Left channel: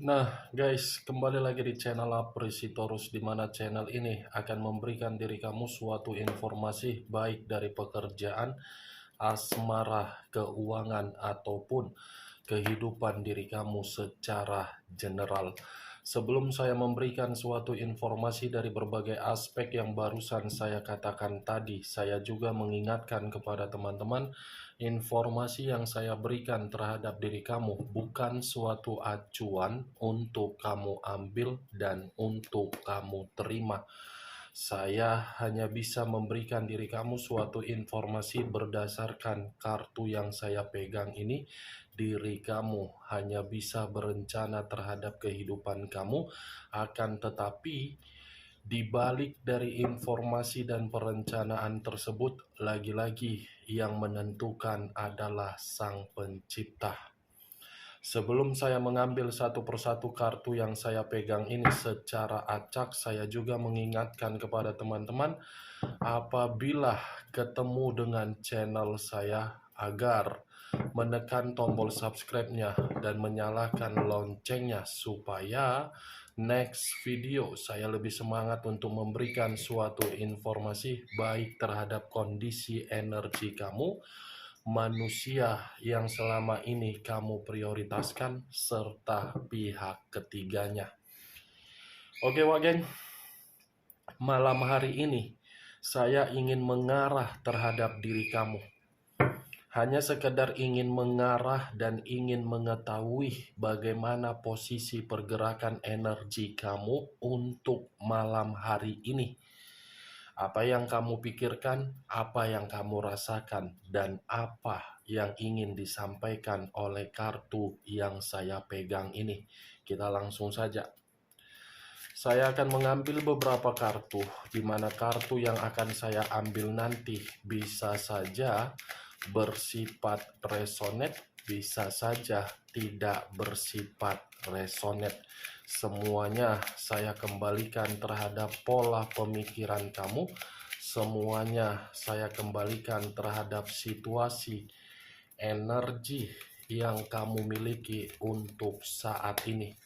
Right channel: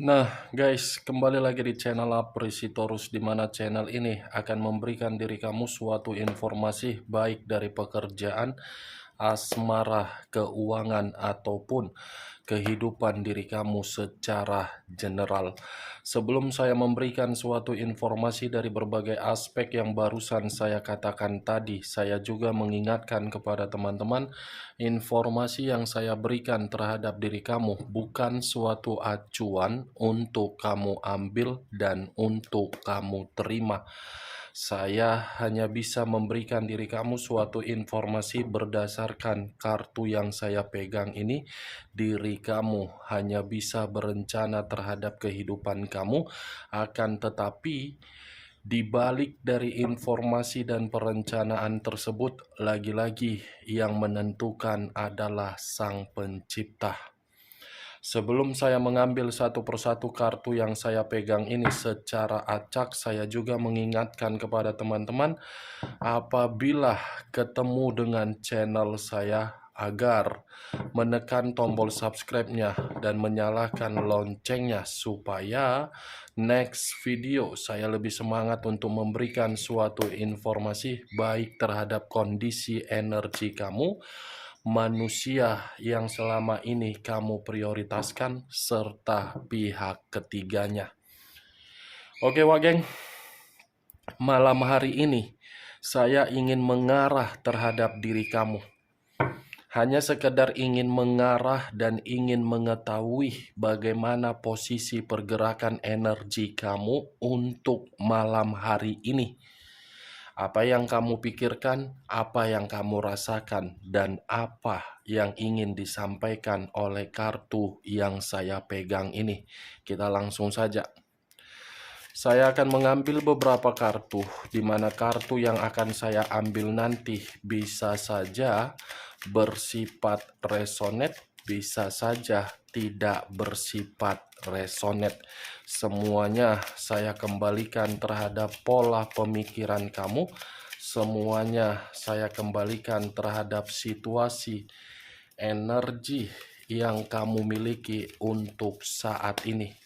Nah, guys, kembali lagi di channel Apresitorus, di mana channel ini akan memberikan diri kamu suatu informasi baik dari pekerjaan, asmara, keuangan, ataupun kehidupan diri kamu secara general. Sebelum saya memberikan suatu informasi dari berbagai aspek yang barusan saya katakan tadi, saya juga mengingatkan kepada teman-teman, informasi yang saya berikan terhadap diri kamu bukan suatu acuan untuk kamu ambil dan untuk kamu terima. Saya hanya bisa memberikan diri kamu suatu informasi berdasarkan kartu yang saya pegang ini. Diri kamu hanya bisa berencana terhadap kehidupan kamu, akan tetapi di balik dari informasi dan perencanaan tersebut, lagi-lagi yang menentukan adalah Sang Pencipta. Sebelum saya mengambil satu persatu kartu yang saya pegang ini secara acak, saya juga mengingatkan kepada teman-teman, apabila ketemu dengan channel saya, agar menekan tombol subscribe-nya dan menyalakan loncengnya supaya next video saya lebih semangat untuk memberikan suatu informasi baik terhadap kondisi energi kamu, manusia yang selama ini kamu prioritaskan, serta pihak ketiganya. Oke, Wageng, malam hari ini saya ingin mengarah terhadap diri kamu. Hanya sekedar ingin mengarah dan ingin mengetahui bagaimana posisi pergerakan energi kamu untuk malam hari ini. Apa yang kamu pikirkan, apa yang kamu rasakan, dan apa yang ingin disampaikan oleh kartu yang saya pegang ini. Kita langsung saja. Saya akan mengambil beberapa kartu, di mana kartu yang akan saya ambil nanti bisa saja bersifat resonate, bisa saja tidak bersifat resonate. Semuanya saya kembalikan terhadap pola pemikiran kamu. Semuanya saya kembalikan terhadap situasi energi yang kamu miliki untuk saat ini.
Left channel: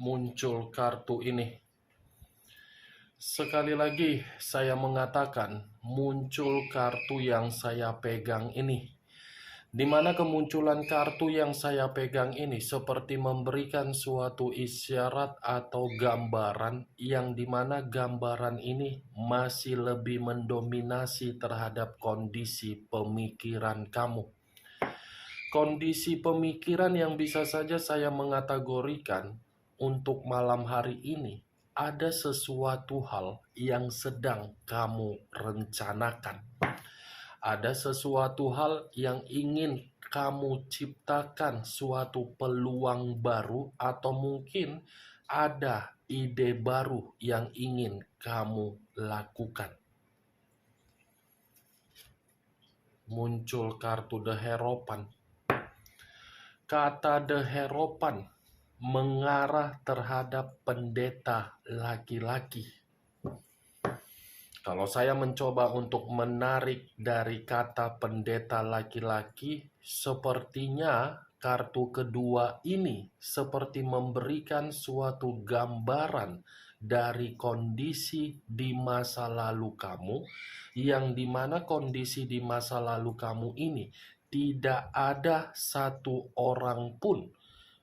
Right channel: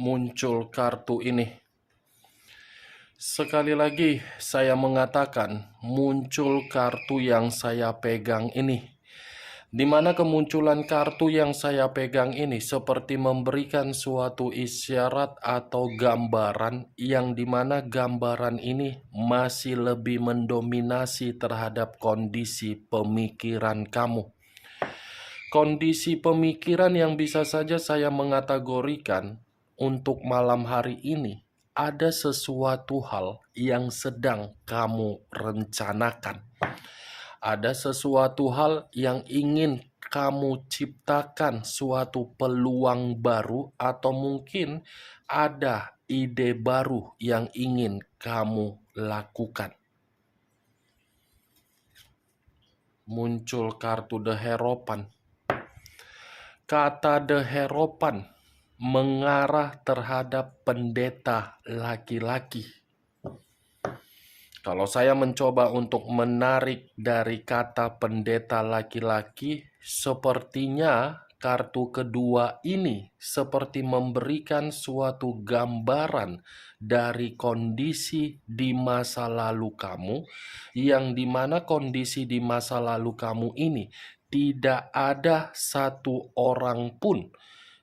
Muncul kartu ini. Sekali lagi saya mengatakan, muncul kartu yang saya pegang ini. Di mana kemunculan kartu yang saya pegang ini seperti memberikan suatu isyarat atau gambaran, yang dimana gambaran ini masih lebih mendominasi terhadap kondisi pemikiran kamu. Kondisi pemikiran yang bisa saja saya mengategorikan untuk malam hari ini, ada sesuatu hal yang sedang kamu rencanakan. Ada sesuatu hal yang ingin kamu ciptakan, suatu peluang baru, atau mungkin ada ide baru yang ingin kamu lakukan. Muncul kartu The Hierophant. Kata The Hierophant mengarah terhadap pendeta laki-laki. Kalau saya mencoba untuk menarik dari kata pendeta laki-laki, sepertinya kartu kedua ini seperti memberikan suatu gambaran dari kondisi di masa lalu kamu, yang dimana kondisi di masa lalu kamu ini tidak ada satu orang pun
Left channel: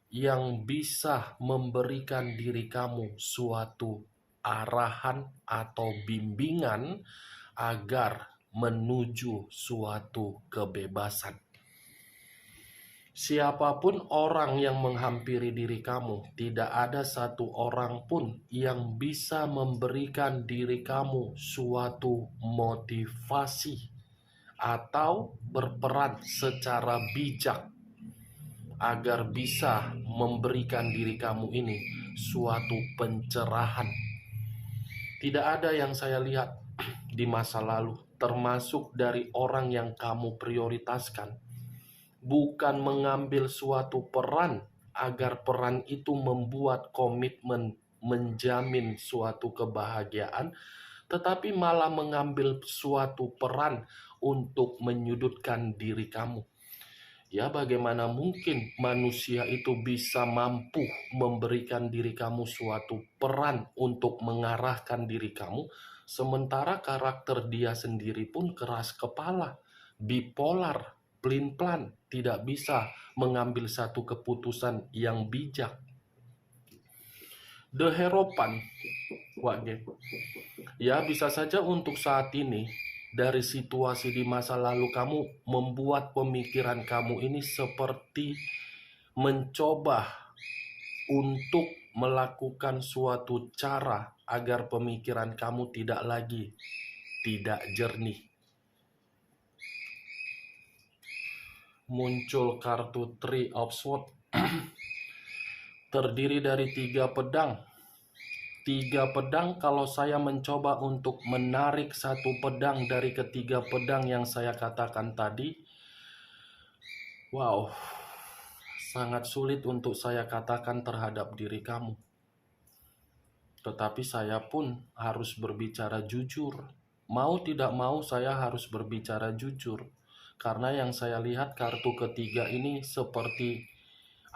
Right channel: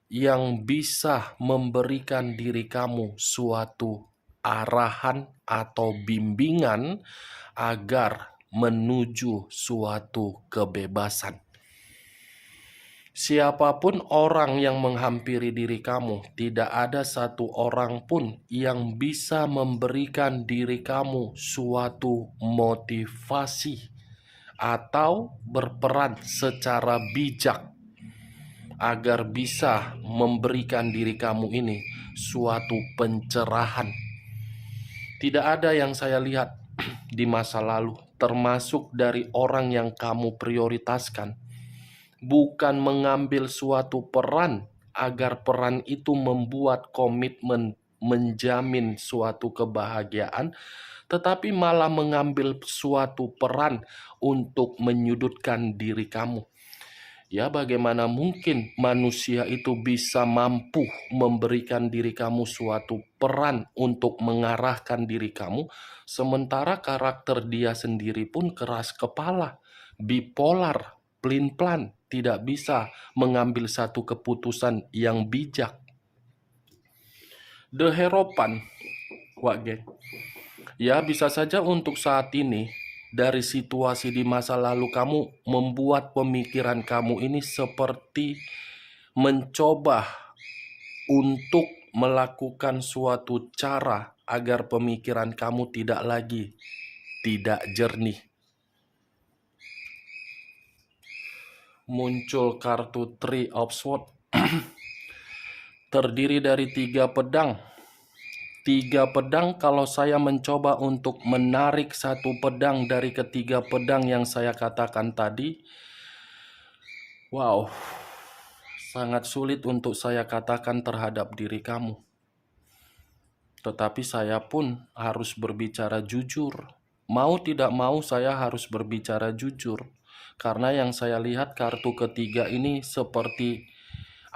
yang bisa memberikan diri kamu suatu arahan atau bimbingan agar menuju suatu kebebasan. Siapapun orang yang menghampiri diri kamu, tidak ada satu orang pun yang bisa memberikan diri kamu suatu motivasi atau berperan secara bijak agar bisa memberikan diri kamu ini suatu pencerahan. Tidak ada yang saya lihat di masa lalu, termasuk dari orang yang kamu prioritaskan, bukan mengambil suatu peran agar peran itu membuat komitmen menjamin suatu kebahagiaan, tetapi malah mengambil suatu peran untuk menyudutkan diri kamu. Ya, bagaimana mungkin manusia itu bisa mampu memberikan diri kamu suatu peran untuk mengarahkan diri kamu, sementara karakter dia sendiri pun keras kepala, bipolar, pelin-pelan, tidak bisa mengambil satu keputusan yang bijak. The Hierophant, Wak Geng. Ya, bisa saja untuk saat ini, dari situasi di masa lalu kamu membuat pemikiran kamu ini seperti mencoba untuk melakukan suatu cara agar pemikiran kamu tidak jernih. Muncul kartu Three of Swords. Terdiri dari 3 pedang. 3 pedang, kalau saya mencoba untuk menarik satu pedang dari ketiga pedang yang saya katakan tadi, wow, sangat sulit untuk saya katakan terhadap diri kamu. Tetapi saya pun harus berbicara jujur. Mau tidak mau saya harus berbicara jujur. Karena yang saya lihat kartu ketiga ini seperti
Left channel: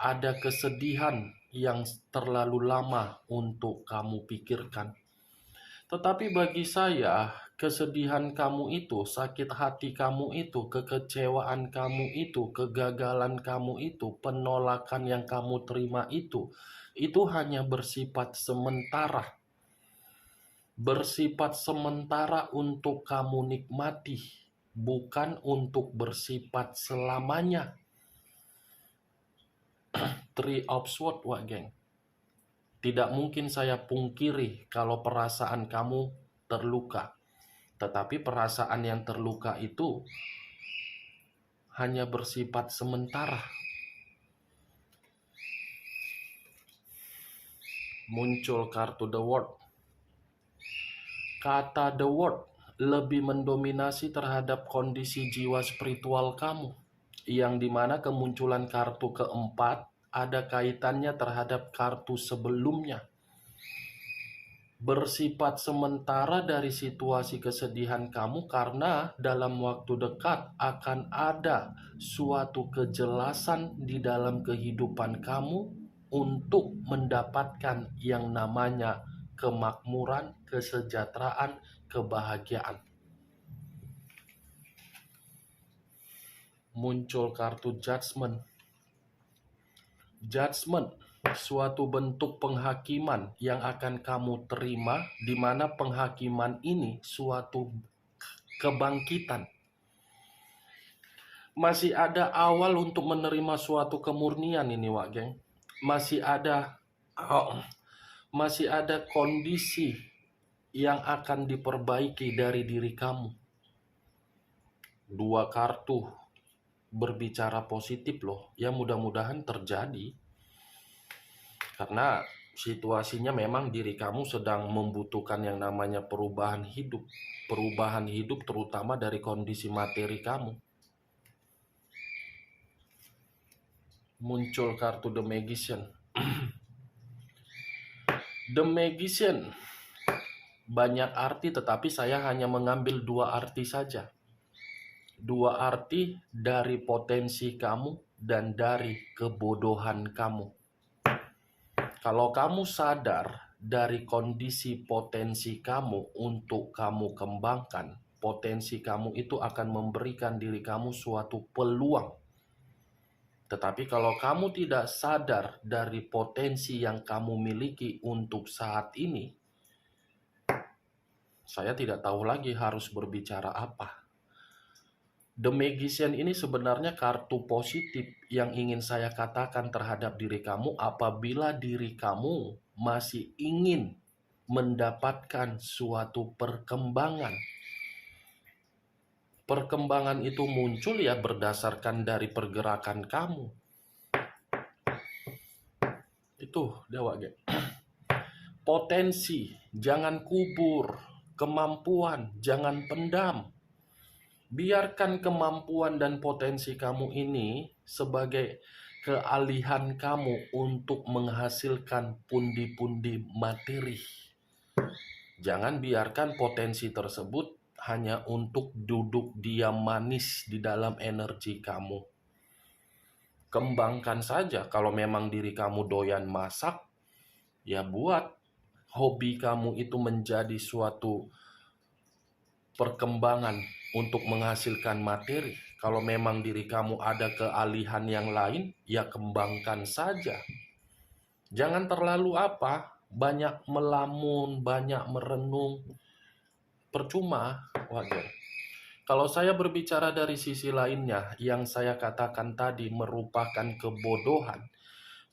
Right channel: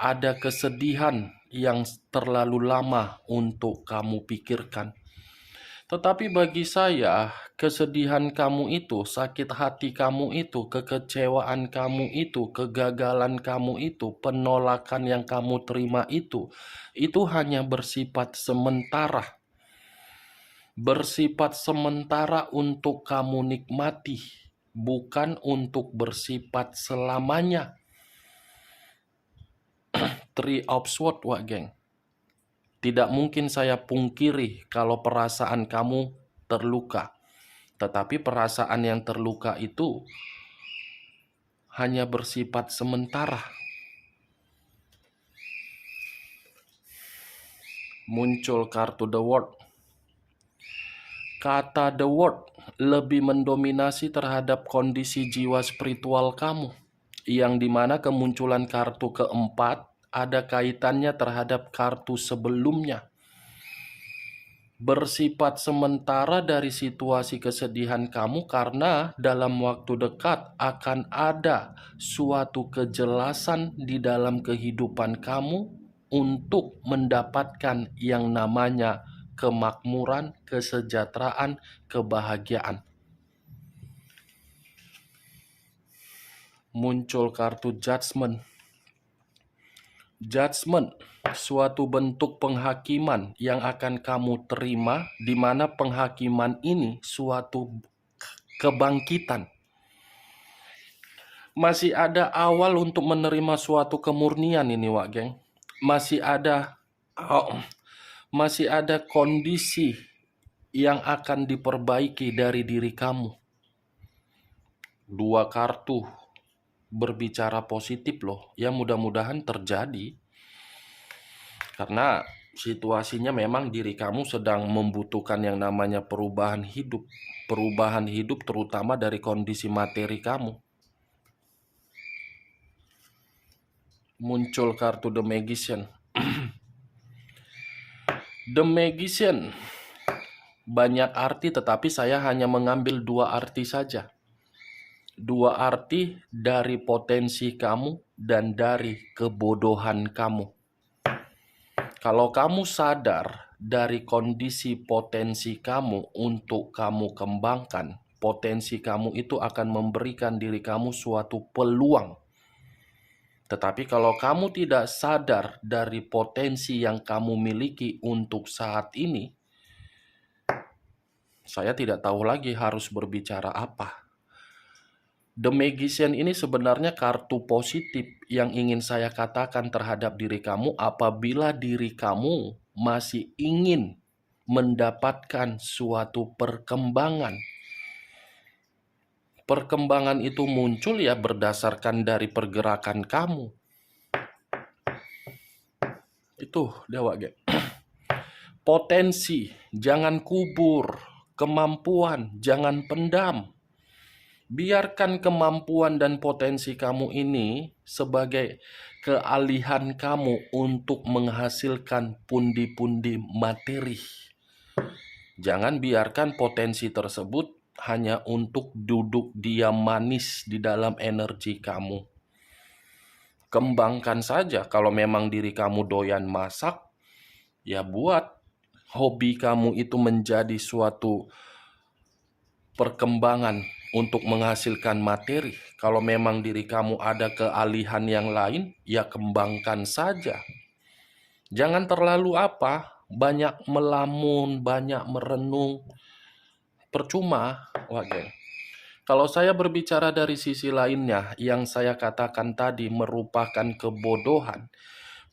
ada kesedihan yang terlalu lama untuk kamu pikirkan. Tetapi bagi saya, kesedihan kamu itu, sakit hati kamu itu, kekecewaan kamu itu, kegagalan kamu itu, penolakan yang kamu terima itu hanya bersifat sementara. Bersifat sementara untuk kamu nikmati, bukan untuk bersifat selamanya. Three of Swords, Wak Geng. Tidak mungkin saya pungkiri kalau perasaan kamu terluka. Tetapi perasaan yang terluka itu hanya bersifat sementara. Muncul kartu The World. Kata The World lebih mendominasi terhadap kondisi jiwa spiritual kamu, yang dimana kemunculan kartu keempat ada kaitannya terhadap kartu sebelumnya. Bersifat sementara dari situasi kesedihan kamu karena dalam waktu dekat akan ada suatu kejelasan di dalam kehidupan kamu untuk mendapatkan yang namanya kemakmuran, kesejahteraan, kebahagiaan. Muncul kartu Judgment. Judgment, suatu bentuk penghakiman yang akan kamu terima, di mana penghakiman ini suatu kebangkitan. Masih ada awal untuk menerima suatu kemurnian ini, Wak Geng. Masih ada kondisi yang akan diperbaiki dari diri kamu. 2 kartu berbicara positif loh, ya mudah-mudahan terjadi. Karena situasinya memang diri kamu sedang membutuhkan yang namanya perubahan hidup. Perubahan hidup terutama dari kondisi materi kamu. Muncul kartu The Magician. The Magician banyak arti, tetapi saya hanya mengambil 2 arti saja. 2 arti dari potensi kamu dan dari kebodohan kamu. Kalau kamu sadar dari kondisi potensi kamu untuk kamu kembangkan, potensi kamu itu akan memberikan diri kamu suatu peluang. Tetapi kalau kamu tidak sadar dari potensi yang kamu miliki untuk saat ini, saya tidak tahu lagi harus berbicara apa. The Magician ini sebenarnya kartu positif yang ingin saya katakan terhadap diri kamu apabila diri kamu masih ingin mendapatkan suatu perkembangan. Perkembangan itu muncul ya berdasarkan dari pergerakan kamu. Itu Dewa Geng. Potensi, jangan kubur. Kemampuan, jangan pendam. Biarkan kemampuan dan potensi kamu ini sebagai kealihan kamu untuk menghasilkan pundi-pundi materi. Jangan biarkan potensi tersebut hanya untuk duduk diam manis di dalam energi kamu. Kembangkan saja. Kalau memang diri kamu doyan masak, ya buat hobi kamu itu menjadi suatu perkembangan untuk menghasilkan materi. Kalau memang diri kamu ada kealihan yang lain, ya kembangkan saja. Jangan terlalu banyak melamun, banyak merenung. Percuma, wajar. Kalau saya berbicara dari sisi lainnya, yang saya katakan tadi merupakan kebodohan.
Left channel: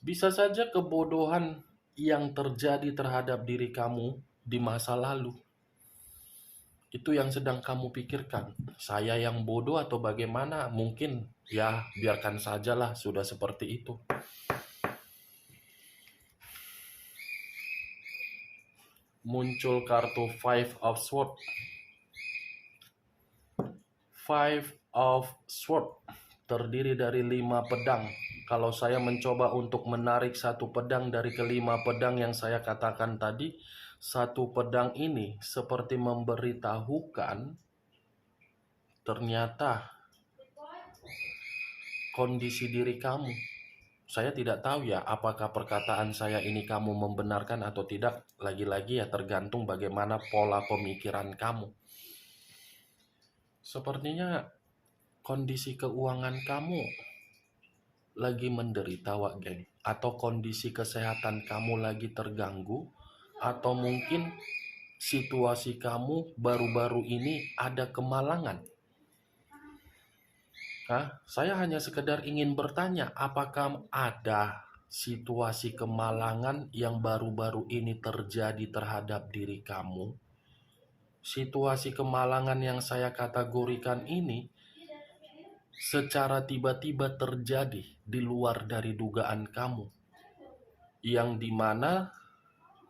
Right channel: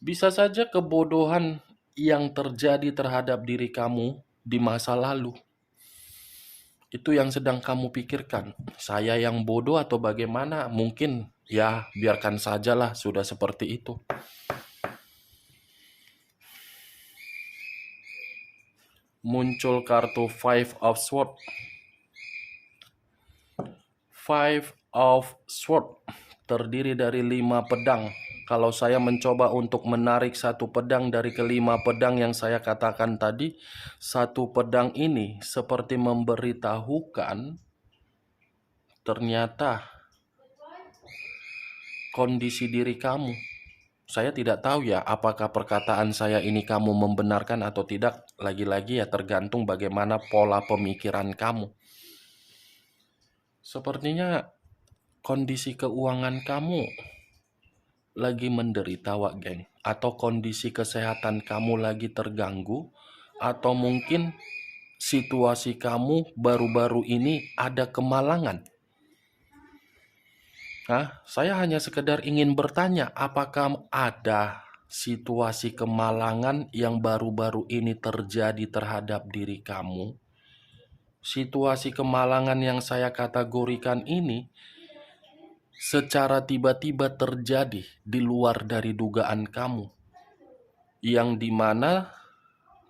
Bisa saja kebodohan yang terjadi terhadap diri kamu di masa lalu. Itu yang sedang kamu pikirkan. Saya yang bodoh atau bagaimana? Mungkin ya biarkan sajalah, sudah seperti itu. Muncul kartu Five of Swords. Five of Swords terdiri dari 5 pedang. Kalau saya mencoba untuk menarik satu pedang dari kelima pedang yang saya katakan tadi, satu pedang ini seperti memberitahukan ternyata kondisi diri kamu. Saya tidak tahu ya apakah perkataan saya ini kamu membenarkan atau tidak. Lagi-lagi ya tergantung bagaimana pola pemikiran kamu. Sepertinya kondisi keuangan kamu lagi menderita, Wak Geng. Atau kondisi kesehatan kamu lagi terganggu. Atau mungkin situasi kamu baru-baru ini ada kemalangan. Saya hanya sekedar ingin bertanya, apakah ada situasi kemalangan yang baru-baru ini terjadi terhadap diri kamu? Situasi kemalangan yang saya kategorikan ini secara tiba-tiba terjadi di luar dari dugaan kamu, yang dimana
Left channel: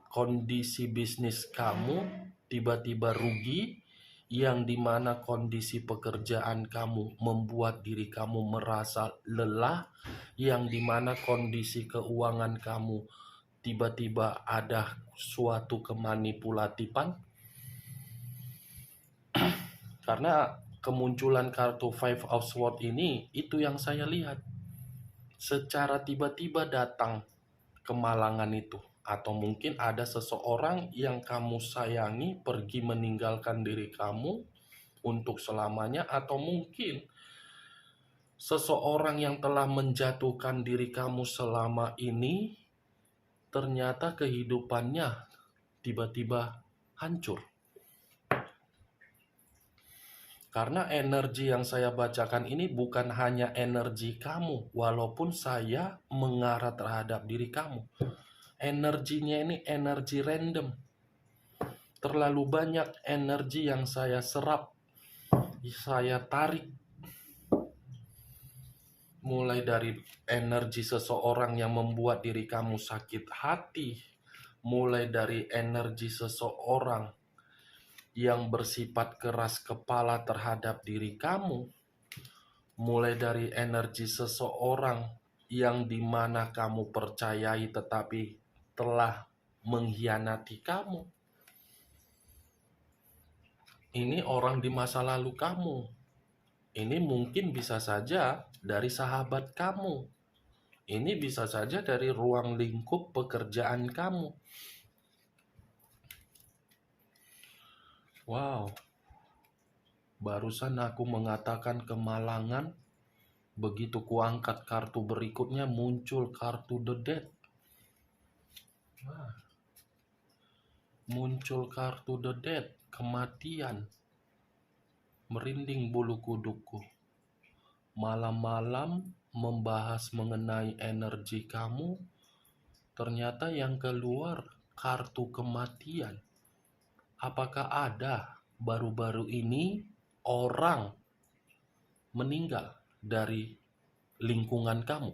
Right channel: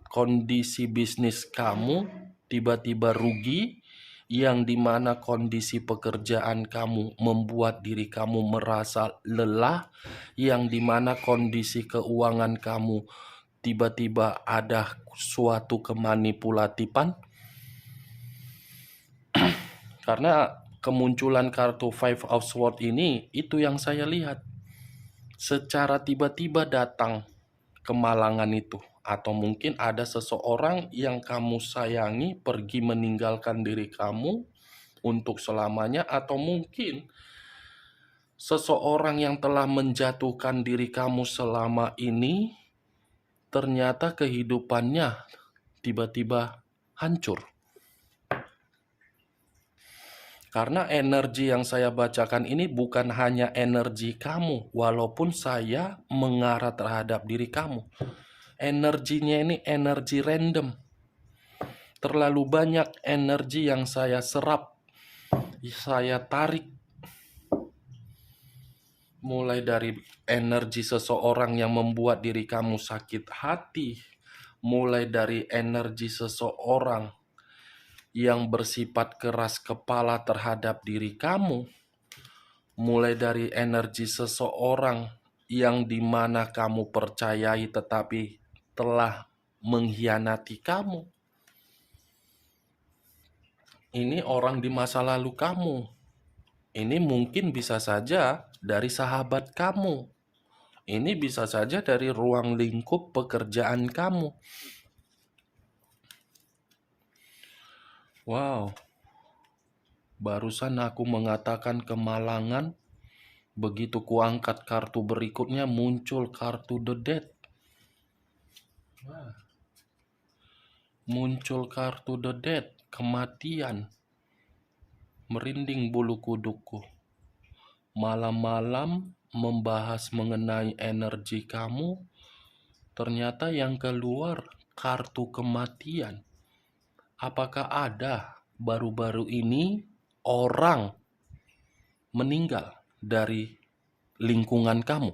kondisi bisnis kamu tiba-tiba rugi, yang dimana kondisi pekerjaan kamu membuat diri kamu merasa lelah, yang dimana kondisi keuangan kamu tiba-tiba ada suatu kemanipulatifan. Karena kemunculan kartu Five of Swords ini, itu yang saya lihat. Secara tiba-tiba datang kemalangan itu. Atau mungkin ada seseorang yang kamu sayangi pergi meninggalkan diri kamu untuk selamanya. Atau mungkin seseorang yang telah menjatuhkan diri kamu selama ini, ternyata kehidupannya tiba-tiba hancur. Karena energi yang saya bacakan ini bukan hanya energi kamu, walaupun saya mengarah terhadap diri kamu. Energinya ini energi random. Terlalu banyak energi yang saya serap, saya tarik. Mulai dari energi seseorang yang membuat diri kamu sakit hati, mulai dari energi seseorang yang bersifat keras kepala terhadap diri kamu, mulai dari energi seseorang yang dimana kamu percayai tetapi telah mengkhianati kamu. Ini orang di masa lalu kamu. Ini mungkin bisa saja dari sahabat kamu. Ini bisa saja dari ruang lingkup pekerjaan kamu. Wow, barusan aku mengatakan kemalangan, begitu kuangkat kartu berikutnya muncul kartu The Death. Muncul kartu The Death, kematian. Merinding bulu kudukku. Malam-malam membahas mengenai energi kamu, ternyata yang keluar kartu kematian. Apakah ada baru-baru ini orang meninggal dari lingkungan kamu?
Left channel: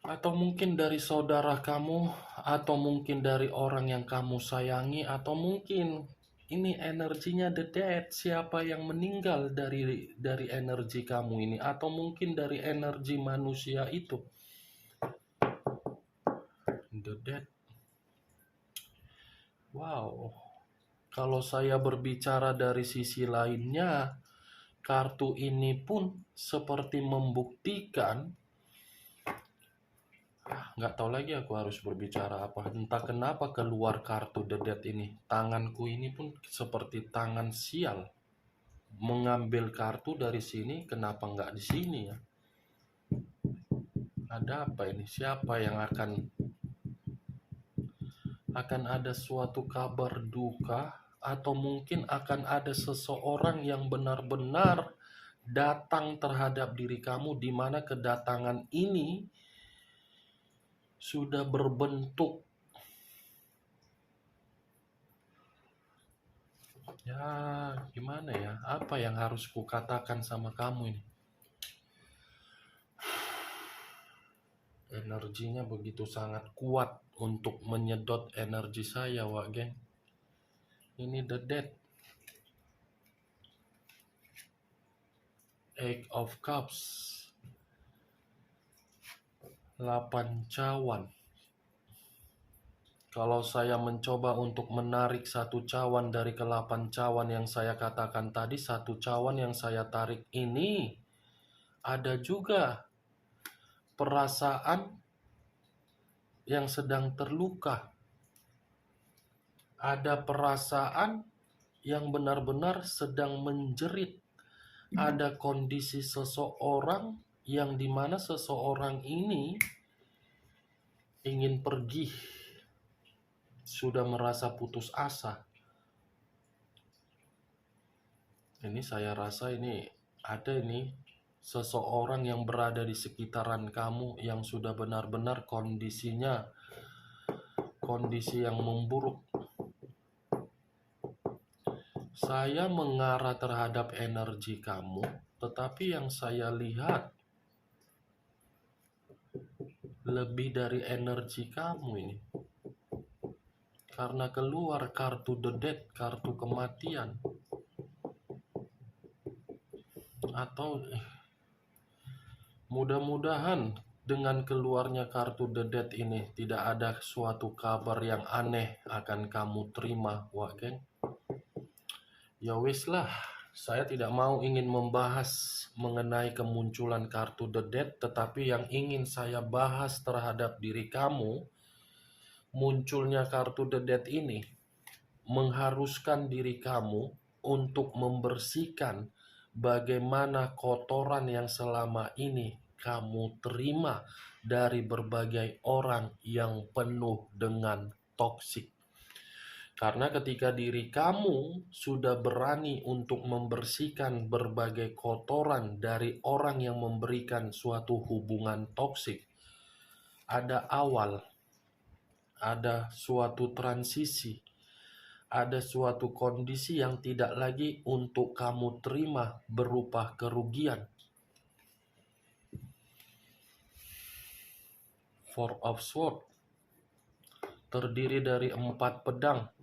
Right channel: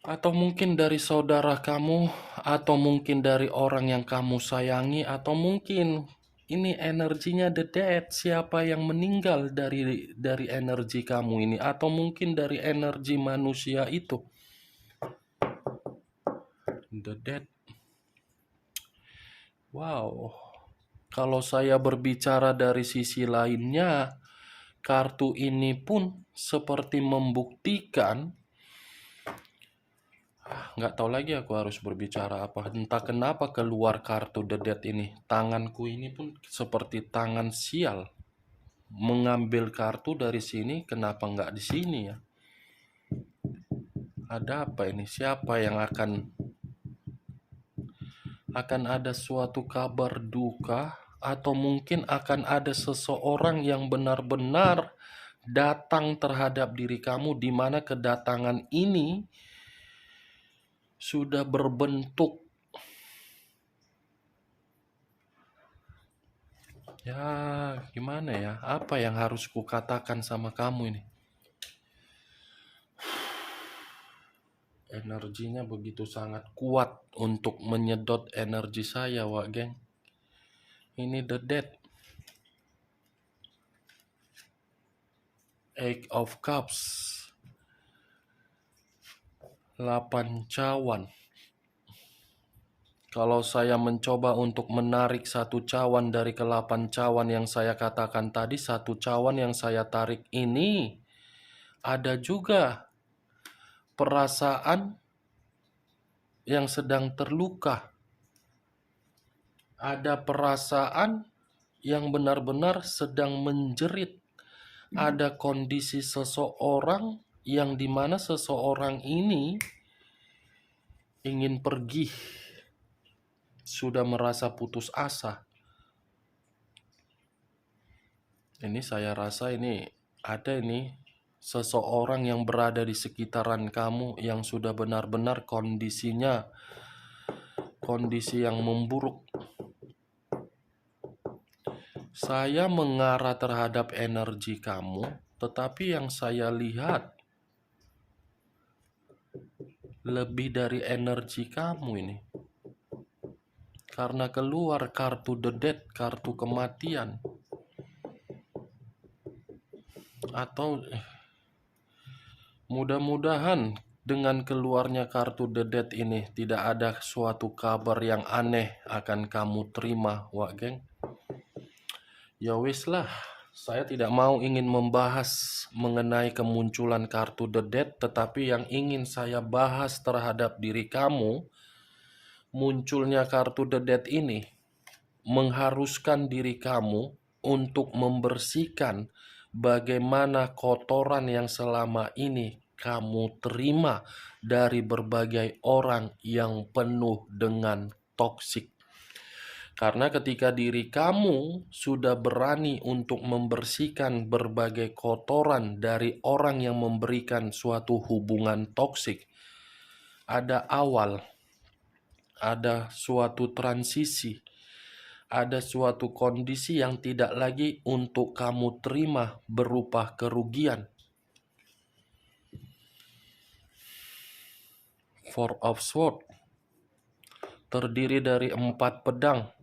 Atau mungkin dari saudara kamu, atau mungkin dari orang yang kamu sayangi, atau mungkin ini energinya the dead. Siapa yang meninggal dari energi kamu ini, atau mungkin dari energi manusia itu? The dead. Wow. Kalau saya berbicara dari sisi lainnya, kartu ini pun seperti membuktikan, nggak tahu lagi aku harus berbicara apa. Entah kenapa keluar kartu The Dead ini. Tanganku ini pun seperti tangan sial. Mengambil kartu dari sini, kenapa nggak di sini ya? Ada apa ini? Siapa yang akan ada suatu kabar duka, atau mungkin akan ada seseorang yang benar-benar datang terhadap diri kamu, di mana kedatangan ini sudah berbentuk, ya gimana ya, apa yang harus kukatakan sama kamu ini? Energinya begitu sangat kuat untuk menyedot energi saya, wak geng. Ini The Dead. Eight of Cups. 8 cawan. Kalau saya mencoba untuk menarik satu cawan dari ke-8 cawan yang saya katakan tadi, satu cawan yang saya tarik ini ada juga perasaan yang sedang terluka. Ada perasaan yang benar-benar sedang menjerit. Ada kondisi seseorang yang dimana seseorang ini ingin pergi, sudah merasa putus asa. Ini saya rasa ini ada seseorang yang berada di sekitaran kamu yang sudah benar-benar kondisinya kondisi yang memburuk. Saya mengarah terhadap energi kamu, tetapi yang saya lihat lebih dari energi kamu ini. Karena keluar kartu The Dead, kartu kematian. Atau mudah-mudahan dengan keluarnya kartu The Dead ini tidak ada suatu kabar yang aneh akan kamu terima, wak geng. Ya wis lah, saya tidak mau ingin membahas mengenai kemunculan kartu The Dead, tetapi yang ingin saya bahas terhadap diri kamu, munculnya kartu The Dead ini mengharuskan diri kamu untuk membersihkan bagaimana kotoran yang selama ini kamu terima dari berbagai orang yang penuh dengan toksik. Karena ketika diri kamu sudah berani untuk membersihkan berbagai kotoran dari orang yang memberikan suatu hubungan toksik, ada awal, ada suatu transisi, ada suatu kondisi yang tidak lagi untuk kamu terima berupa kerugian. Four of Swords terdiri dari 4 pedang.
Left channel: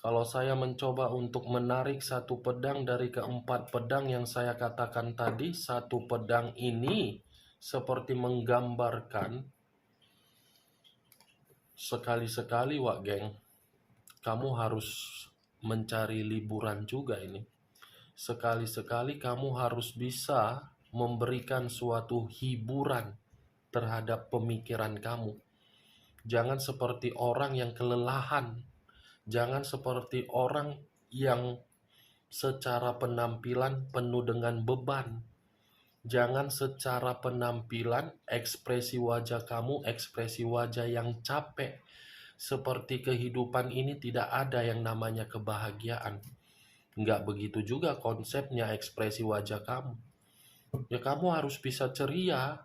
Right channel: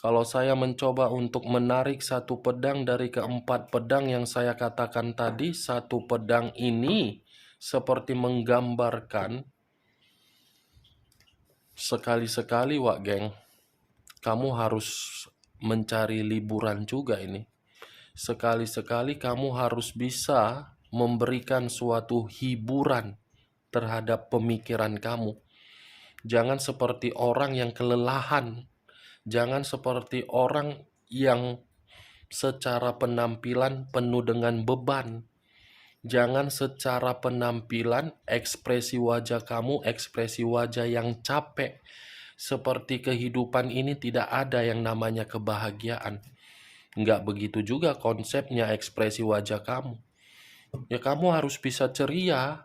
Kalau saya mencoba untuk menarik satu pedang dari ke-4 pedang yang saya katakan tadi, satu pedang ini seperti menggambarkan, sekali-sekali wak geng, kamu harus mencari liburan juga ini. Sekali-sekali kamu harus bisa memberikan suatu hiburan terhadap pemikiran kamu. Jangan seperti orang yang kelelahan. Jangan seperti orang yang secara penampilan penuh dengan beban. Jangan secara penampilan, ekspresi wajah kamu, ekspresi wajah yang capek. Seperti kehidupan ini tidak ada yang namanya kebahagiaan. Nggak begitu juga konsepnya ekspresi wajah kamu. Ya kamu harus bisa ceria.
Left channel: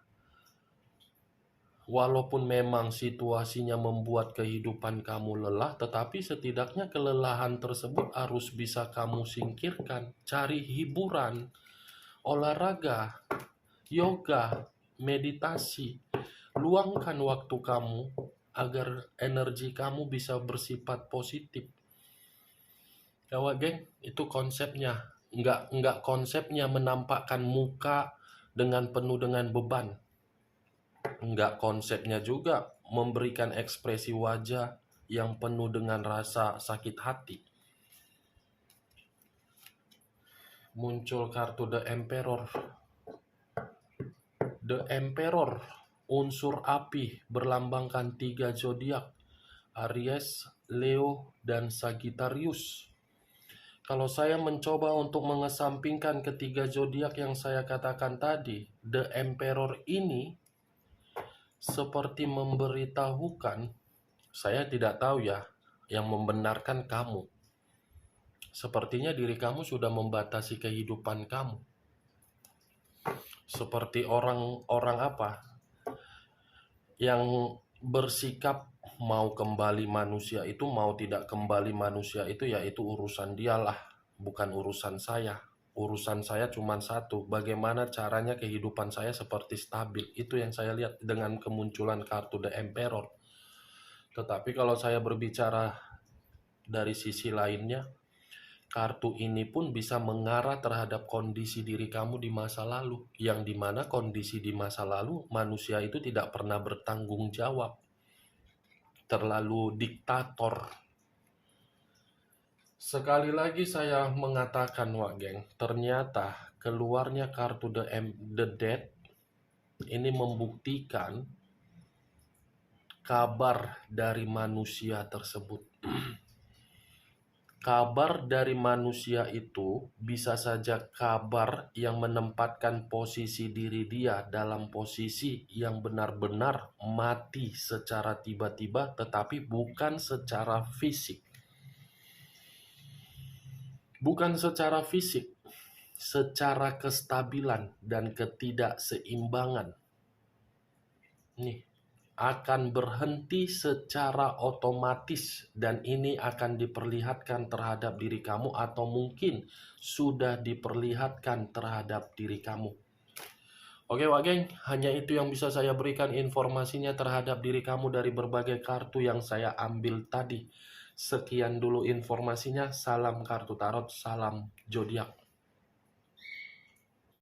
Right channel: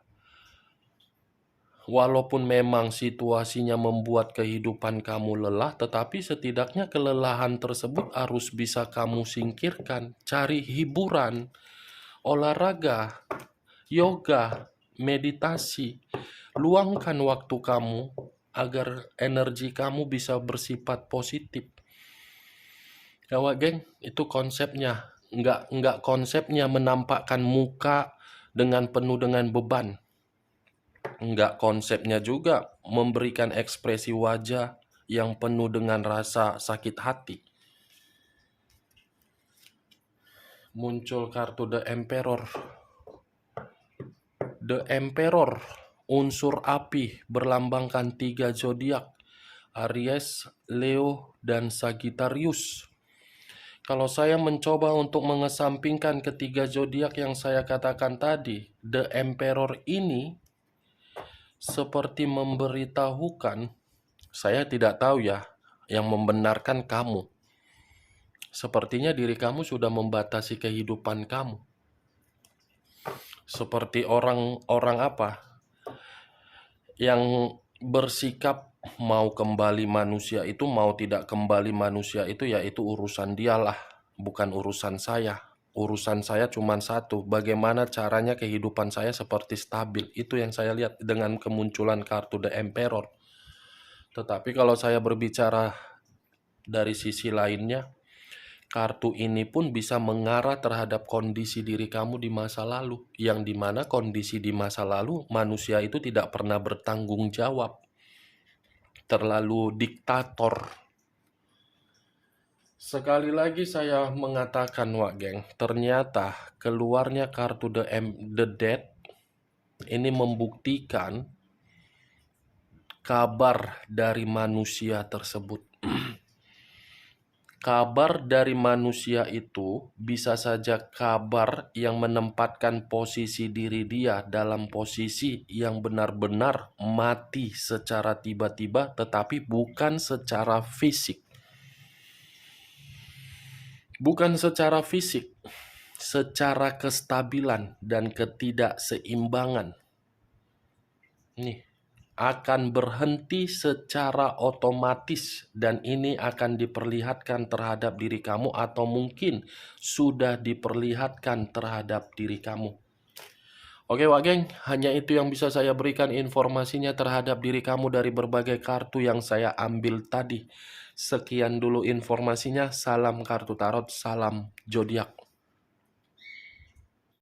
Walaupun memang situasinya membuat kehidupan kamu lelah, tetapi setidaknya kelelahan tersebut harus bisa kamu singkirkan. Cari hiburan, olahraga, yoga, meditasi. Luangkan waktu kamu agar energi kamu bisa bersifat positif. Ya Wak geng, itu konsepnya. Nggak konsepnya menampakkan muka dengan penuh dengan beban. Nggak konsepnya juga memberikan ekspresi wajah yang penuh dengan rasa sakit hati. Muncul kartu The Emperor. The Emperor, unsur api, berlambangkan 3 zodiak, Aries, Leo, dan Sagittarius. Kalau saya mencoba untuk mengesampingkan ketiga zodiak yang saya katakan tadi, The Emperor ini seperti memberitahukan, saya tidak tahu ya, yang membenarkan kamu. Sepertinya diri kamu sudah membatasi kehidupan kamu. Seperti orang apa yang bersikap mau kembali manusia itu, mau tidak kembali manusia itu, yaitu urusan dialah, bukan urusan saya. Urusan saya cuma satu, bagaimana caranya kehidupan saya seperti stabil. Itu yang saya lihat dengan kemunculan kartu The Emperor. Tetapi kalau saya berbicara dari sisi lainnya, kartu ini pun bisa mengarah terhadap kondisi diri kamu di masa lalu, yang dimana kondisi di masa lalu manusia itu tidak pernah bertanggung jawab, terlalu diktator. Sekali lagi saya mengatakan Wak geng, ternyata keluarnya kartu The Dead ini membuktikan kabar dari manusia tersebut. Kabar dari manusia itu bisa saja kabar yang menempatkan posisi diri dia dalam posisi yang benar-benar mati secara tiba-tiba, tetapi bukan secara fisik. Bukan secara fisik, secara kestabilan dan ketidakseimbangan. Nih, akan berhenti secara otomatis, dan ini akan diperlihatkan terhadap diri kamu, atau mungkin sudah diperlihatkan terhadap diri kamu. Oke Wak geng, hanya itu yang bisa saya berikan informasinya terhadap diri kamu dari berbagai kartu yang saya ambil tadi. Sekian dulu informasinya, salam kartu tarot, salam zodiak.